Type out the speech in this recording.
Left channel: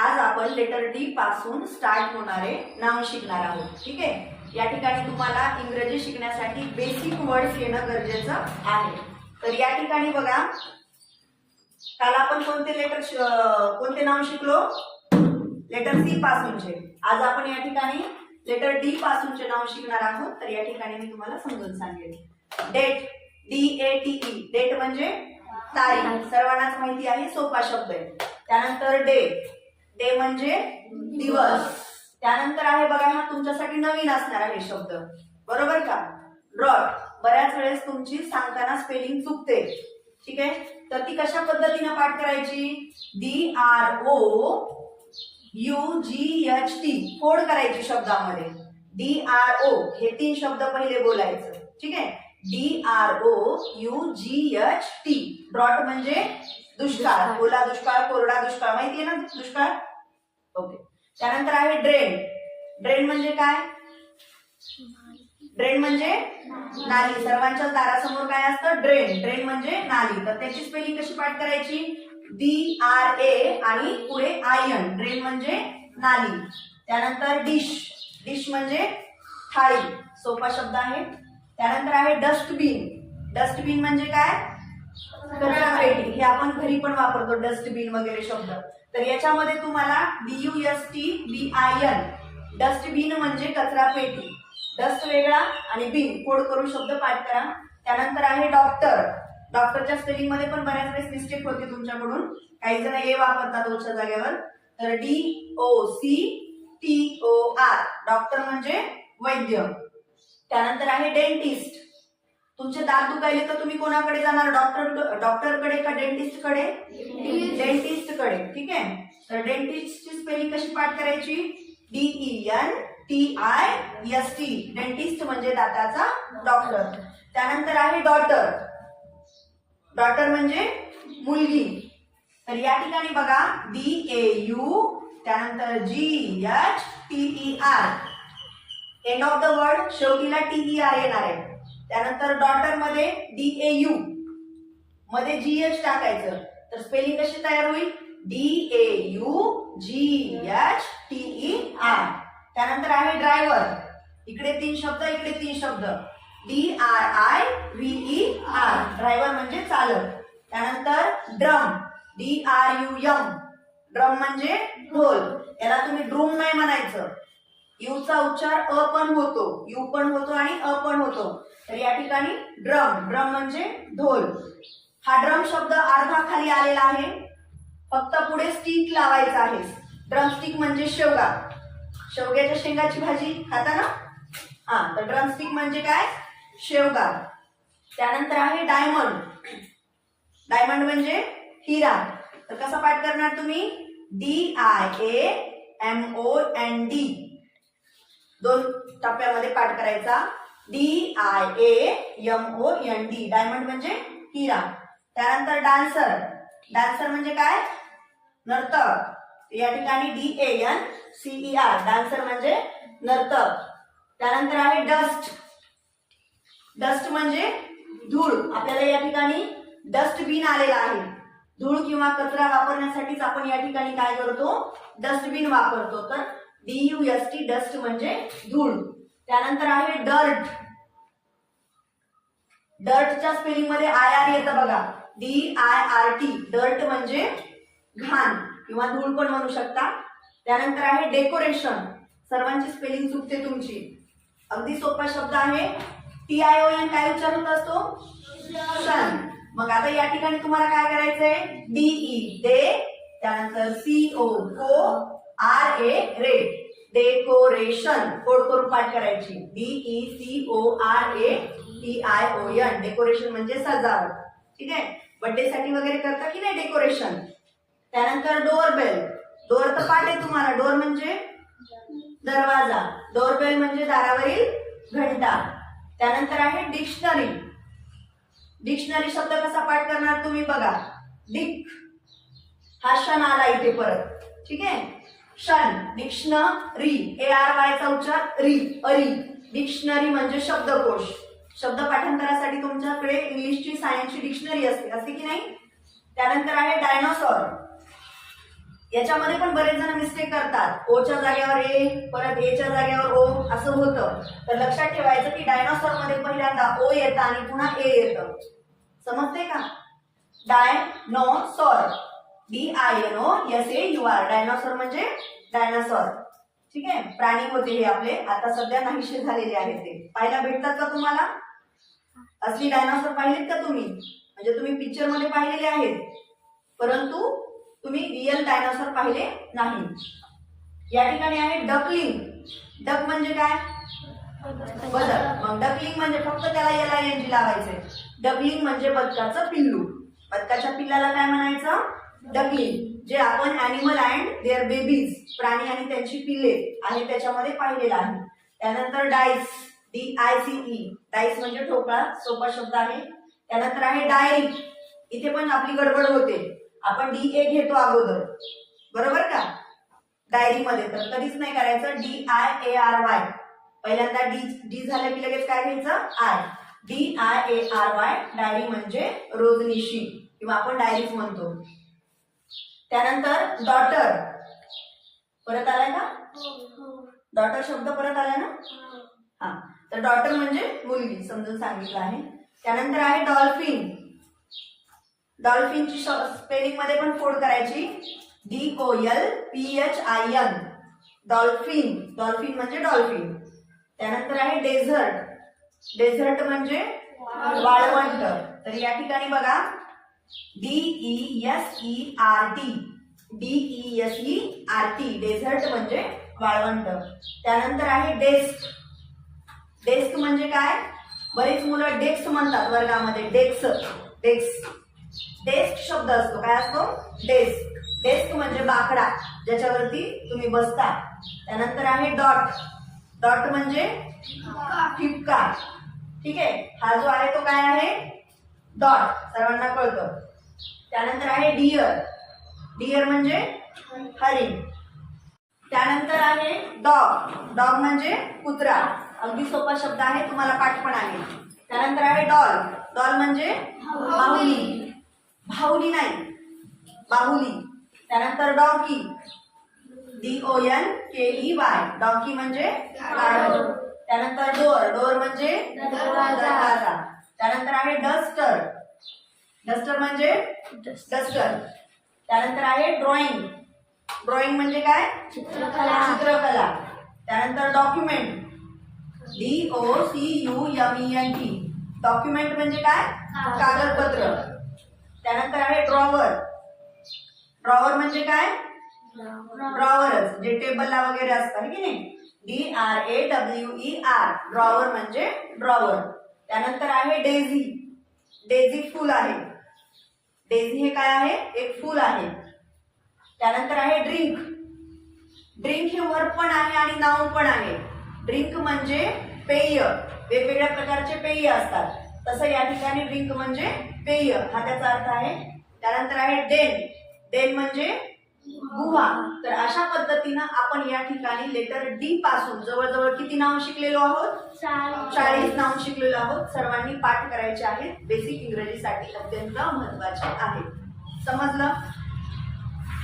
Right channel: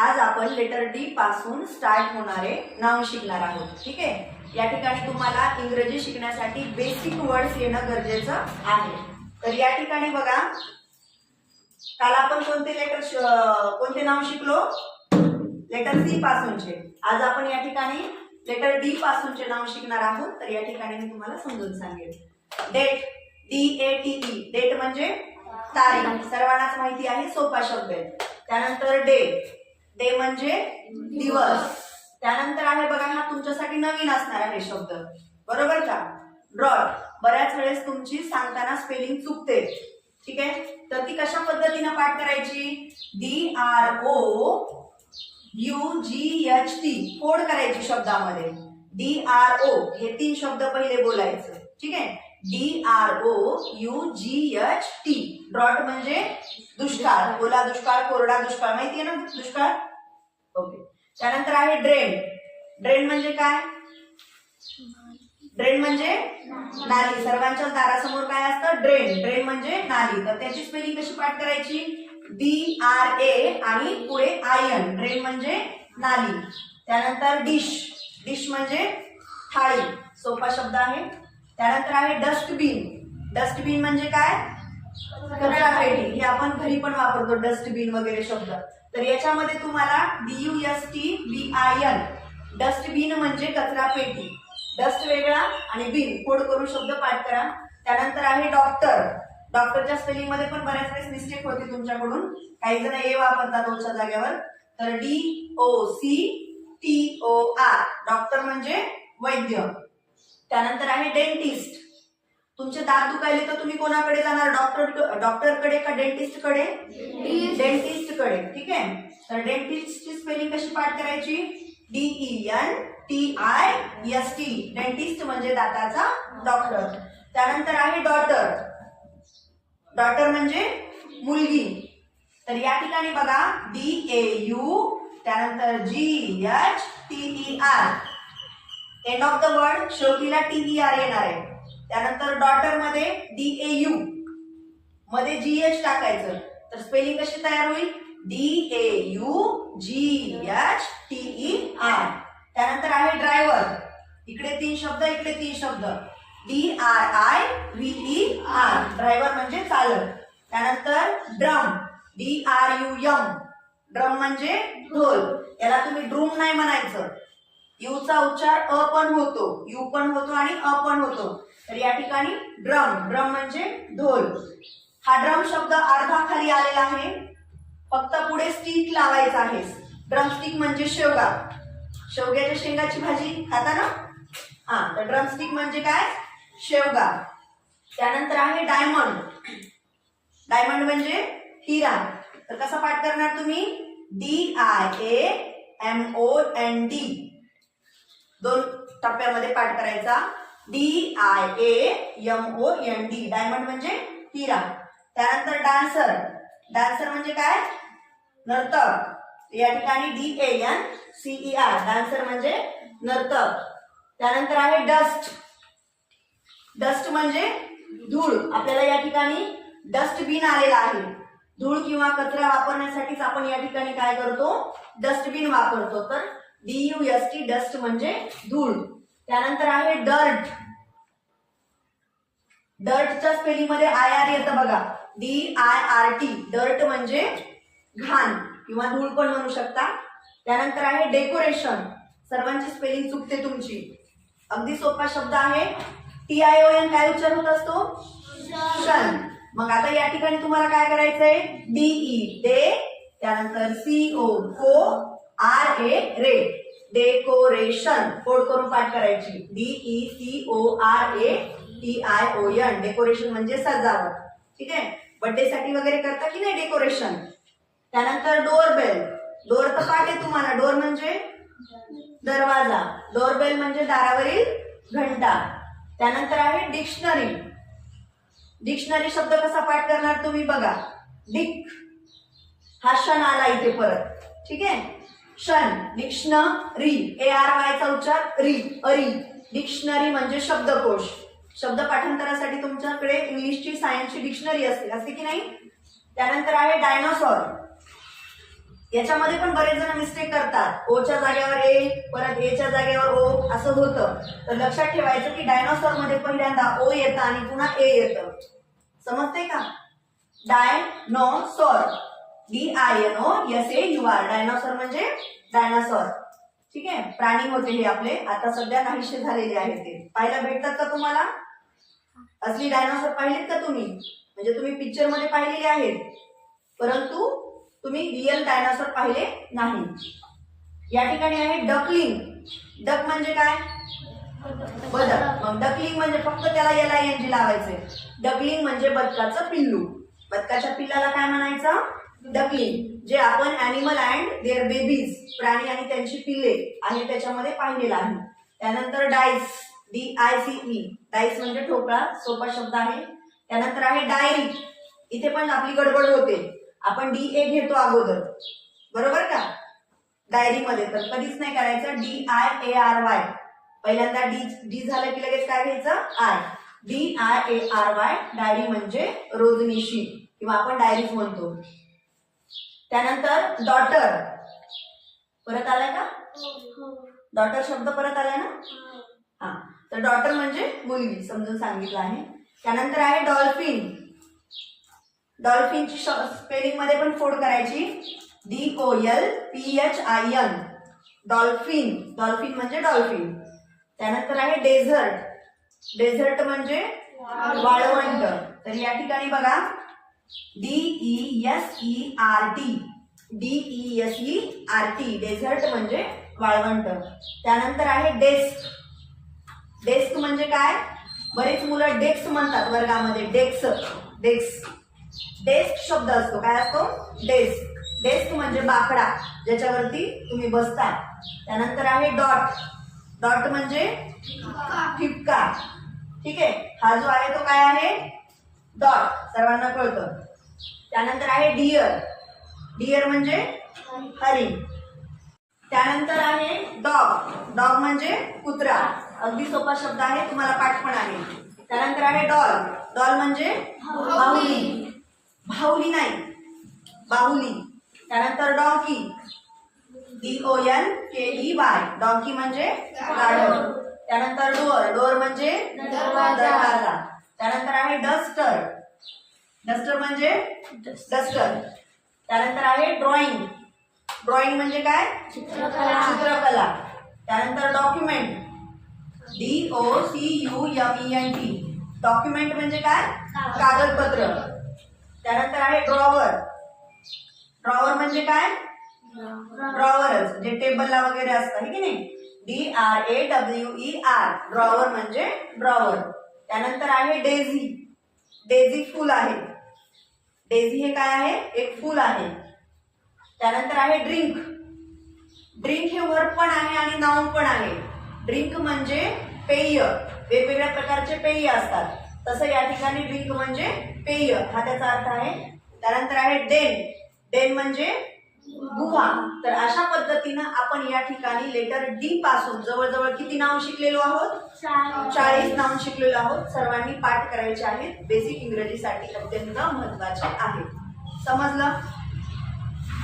आज आपण letter D पासून स्टार्ट होणारे नाउन शिकणार आहोत. ठीक आहे. या ठिकाणी तुम्हाला इंग्रजी शिकण्यासाठी बेसिक वर्ड्स येणं गरजेचं आहे. तर या ठिकाणी बघा, काल आपण कोणते नाउन शिकलो? लेटर सी पासूनचे. आज आपण या ठिकाणी लेटर डी पासूनचे नाउन शिकणार आहोत. तर या ठिकाणी मी तुम्हाला समजून सांगेल. डेट, DATE, डेट म्हणजे तारीख, सर्वांनाच माहिती आहे, सोपा शब्द आहे. त्यानंतर डे, डे म्हणजे दिवस. त्यानंतर आहे बघा, हा तुमच्यासाठी नवीन असणार आहे शब्द, बरोबर का? ड्रॉट, बऱ्याच वेळेस तुमची सांगताना स्पेलिंग चुकते. ठीक आहे. तर ती कशा पद्धतीने पाठ करायची? DROUGHT, फोड करायची शब्दामध्ये. DRO हे 3 शब्द पहिले बोलायचं. ठीक आहे. DROUGHT, ड्रॉट म्हणजे दुष्काळ, ओला दुष्काळ, कोरडा दुष्काळ, माहितीये ना दुष्काळ? ओके. त्यानंतर आहे ड्रेन. ड्रेन म्हणजे काय? ड्रेन म्हणजे नाली. सर्वांच्या दारासमोर काय असतं? ड्रेन. ड्रेन म्हणजे नाली. तर त्याची स्पेलिंग कशी पाठ करायची? DRA आणि पुढे IN, ड्रेन म्हणजे नाली. त्यानंतर डिश, डिश म्हणजे थाळी, सोपा शब्द आहे. त्यानंतर आहे डस्टबिन. डस्टबिन म्हणजे काय? कचरा पेटी. हे आपण घरी पण वापरतो, डस्टबिन वगैरे शब्द. तर याच्यामध्ये तुम्हाला DUSTBIN, डस्टबिन म्हणजे कचरा पेटी. डस्ट वेगळा आणि बिन, फोड करून शब्द पाठ करा. त्यानंतर आहे डॉक्टर. डॉक्टरच्या स्पेलिंग मध्ये पण बऱ्याच वेळेस मिस्टेक होते तुमच्याकडून, काही जण ए वापरतात ओच्या जागेवर. तर DOCTOR, डॉक्टर म्हणजे वैद्य. त्यानंतर आहे डेंटिस्ट. तुमचे दात दुखायले तर तुम्ही कोणाकडे जाणार? डॉक्टरकडे का डेंटिस्ट कडे? डेंटिस्ट कडे. ठीक आहे. तर डेंटिस्टची स्पेलिंग कशी पाठ करायची? DENTIST, डेंटिस्ट म्हणजे दाताचा डॉक्टर. त्यानंतर आहे डॉटर. डॉटर म्हणजे मुलगी. तर या ठिकाणी बघा, DAU, त्यानंतर GHTER, end of the word शेवटीला TER येणार आहे. त्यानंतर डॉटर मध्ये DAU, मध्ये GH टाकायचं. तर स्पेलिंग कशी तयार होईल? DAUGHTER. त्यानंतर आहे ड्रायव्हर. इकडे 3 शब्द, इकडे 3 शब्द. DRIVER, ड्रायव्हर म्हणजे चालक. त्यानंतर ड्रम, DRUM, ड्रम म्हणजे ढोल. याला तुम्ही ड्रूम नाही म्हणायचं, यूचा उच्चार अ पण होतो, यू पण होतो आणि अ पण होतो. तर या ठिकाणी ड्रम, ड्रम म्हणजे ढोल. हा ड्रम शब्द अर्धा खाली आलेला आहे, फक्त पुढे स्टिक लावायचा आहे. ड्रम स्टिक म्हणजे शेवगा, शेवग्याच्या शेंगाची भाजी खाता ना? हा, तर ड्रम स्टिक म्हणजे काय? शेवगा. त्यानंतर आहे डायमंड. डायमंड म्हणजे हिरा. तर कसा पाठ करणार तुम्ही? DIAMOND, 2 टप्प्यामध्ये पाठ करायचा. DIAMOND, डायमंड म्हणजे हिरा. त्यानंतर डान्सर. डान्सर म्हणजे काय? नर्तक. या ठिकाणी DANCER, डान्सर म्हणजे नर्तक. त्यानंतर आहे डस्ट. डस्ट म्हणजे धूळ. आपल्याला या ठिकाणी डस्टबिन आलेला आहे. धूळ किंवा कचरा वापरण्यासाठीच आपण या ठिकाणी काय करतो? डस्टबिन वापरतो. तर DUST, डस्ट म्हणजे धूळ. त्यानंतर आहे डर्ट. डर्टच्या स्पेलिंग मध्ये IR येतं बघा, DIRT, डर्ट म्हणजे घाण किंवा धूळ पण म्हणू शकता. त्यानंतर आहे डेकोरेशन. सर्वांची स्पेलिंग चुकते तुमची, अगदी सोपा शब्द आहे. TION काय उच्चार होत असतो? शन. मग आता या ठिकाणी तुम्हाला काय करायचंय? DE, डे, त्यानंतर CO, को, RA, रे, डेकोरेशन, फोड करून पाठ करायची. DECORATION, डेकोरेशन म्हणजे सजावट. ठीक आहे. बर्थडे साठी वगैरे करता की नाही डेकोरेशन. त्यानंतर डोरबेल. डोर तर पाठ आहे तुम्हाला, डोर म्हणजे दरवाजा, डोरबेल म्हणजे दारावरील घंटा. त्यानंतर आहे डिक्शनरी. डिक्शनरी शब्द कसा पाठ करणार तुम्ही बघा. डिक, हा क्षण आला इथे परत. ठीक आहे. क्षण, डिक्शनरी, ARY चा उच्चार री, अरी. डिक्शनरी म्हणजे शब्दकोश. शब्द पाठांतरासाठी तुमच्याकडे इंग्लिशची, सायन्सची डिक्शनरी असते की नाही? त्यानंतर आहे डायनोसॉर. याच्यामध्ये पण बरेच जण मिस्टेक करतात. ओच्या जागेवर ए, परत एच्या जागेवर ओ असं होतं. तर लक्षात ठेवायचं की डायनॉसॉर मध्ये पहिल्यांदा ओ येतं आणि पुन्हा ए येतं. समजते का? डायनॉसॉर, DINOSAUR, डायनॉसॉर म्हणजे डायनासॉर. ठीक आहे, प्राणी होते हे आपले, आता सध्या नाहीसे झालेले आहेत. ते पाहायला भेटतात का तुम्हाला? असली डायनॉसॉर पाहिलेत का तुम्ही? म्हणजे तुम्ही पिक्चर मध्ये पाहिलेले आहेत, परंतु तुम्ही रिअल डायनासॉर पाहिले नाही. या ठिकाणी आहे डकलिंग. डक म्हणजे काय? बदक. मग डकलिंग म्हणजे फक्त त्याला LING लावायचे. डकलिंग म्हणजे बदकाचं पिल्लू. बदकाच्या पिल्लाला काय म्हणायचं? डकलिंग. जे आपण ॲनिमल अँड देअर बेबीज, प्राणी आणि त्यांची पिल्ले आहे त्याच्यामध्ये पाहिलेलं आहे. त्यानंतर डाईस, DICE, डाईस म्हणजे ठोकळा, सोपा शब्द आहे. त्यानंतर आहे डायरी. इथे पण आपली गडबड होते, आपण DA घेतो अगोदर, बरोबर का? डायरीमध्ये तर कधीच नाही करायचं. DIARY, पहिल्यांदा डी झालं की लगेच काय घ्यायचं? आय. DIARY, डायरी म्हणजे रोजनिशी किंवा आपण डायरीज म्हणतो. त्यानंतर डॉटर, परत आलाय का? डॉटर शब्द परत आलाय ना? हा, तर डॉटर म्हणजे मुलगी, समजून सांगितलं आहे. त्यानंतर आहे डॉल्फिन. डॉल्फिनची स्पेलिंग मध्ये पण फोड करायची, DOLPHIN, डॉल्फिन. डॉल्फिन म्हणजे डॉल्फिन. त्यानंतर आहे डेझर्ट. डेझर्ट म्हणजे वाळवंट. तर या ठिकाणी बघा, DESERT, डेझर्ट म्हणजे वाळवंट. त्यानंतर आहे डेस्क. डेस्क म्हणजे काय? बरेच मुलं डेस्क म्हणतात वर्गामध्ये. डेस्क शब्द असतो, काय असतो? डेस्क. डेस्क म्हणजे बाकडा, ज्याच्यावरती तुम्ही बसता. त्यानंतर आहे डॉट. डॉट म्हणजे ठिपका. ठीक आहे, हा जो आहे तो काय आहे? डॉट, सर्वांना कळतं. त्यानंतर आहे डिअर. डिअर म्हणजे हरिण. त्यानंतर आहे डॉग. डॉग म्हणजे कुत्रा. अगदी सोपा शब्द आहे, तुम्हाला पाठ पण आहे. त्यानंतर आहे डॉल. डॉल म्हणजे बाहुली. बाहुली नाही, बाहुली. त्यानंतर डॉंकी, DONKEY, डॉंकी म्हणजे गाढव. त्यानंतर डोअर. डोअर म्हणजे दरवाजा. त्यानंतर आहे डस्टर. डस्टर म्हणजे डस्टर. त्यानंतर आहे ड्रॉइंग. ड्रॉइंग म्हणजे काय? चित्रकला. त्यानंतर डॉक्युमेंट, DOCUMENT, डॉक्युमेंट म्हणजे काय? कागदपत्र. त्यानंतर आहे ड्रॉवर. ड्रॉवर म्हणजे काय? ड्रॉवरच, जे टेबलला वगैरे असतं, है की नाही? DRAWER, ड्रॉवर म्हणजे ड्रॉवर. त्यानंतर आहे डेझी. डेझी फुल आहे. डेझी हे काय आहे? एक फुल आहे. त्यानंतर आहे ड्रिंक. ड्रिंक हे वर्ब पण आहे आणि नाउन पण आहे. ड्रिंक म्हणजे पेय, वेगवेगळ्या प्रकारचे पेय असतात, तसं या ठिकाणी ड्रिंक म्हणजे पेय, हा त्याचा अर्थ आहे. त्यानंतर आहे डेन. डेन म्हणजे गुहा. तर अशा पद्धतीनं आपण या ठिकाणी लेटर डी पासून जवळजवळ किती नाव शिकलेलो आहोत? 40 नाव शिकलेलो आहोत. सर्वांनी पाठ करायचे आहेत. बेसिक इंग्रजीसाठी अत्यंत महत्वाचे आहे. समजलं?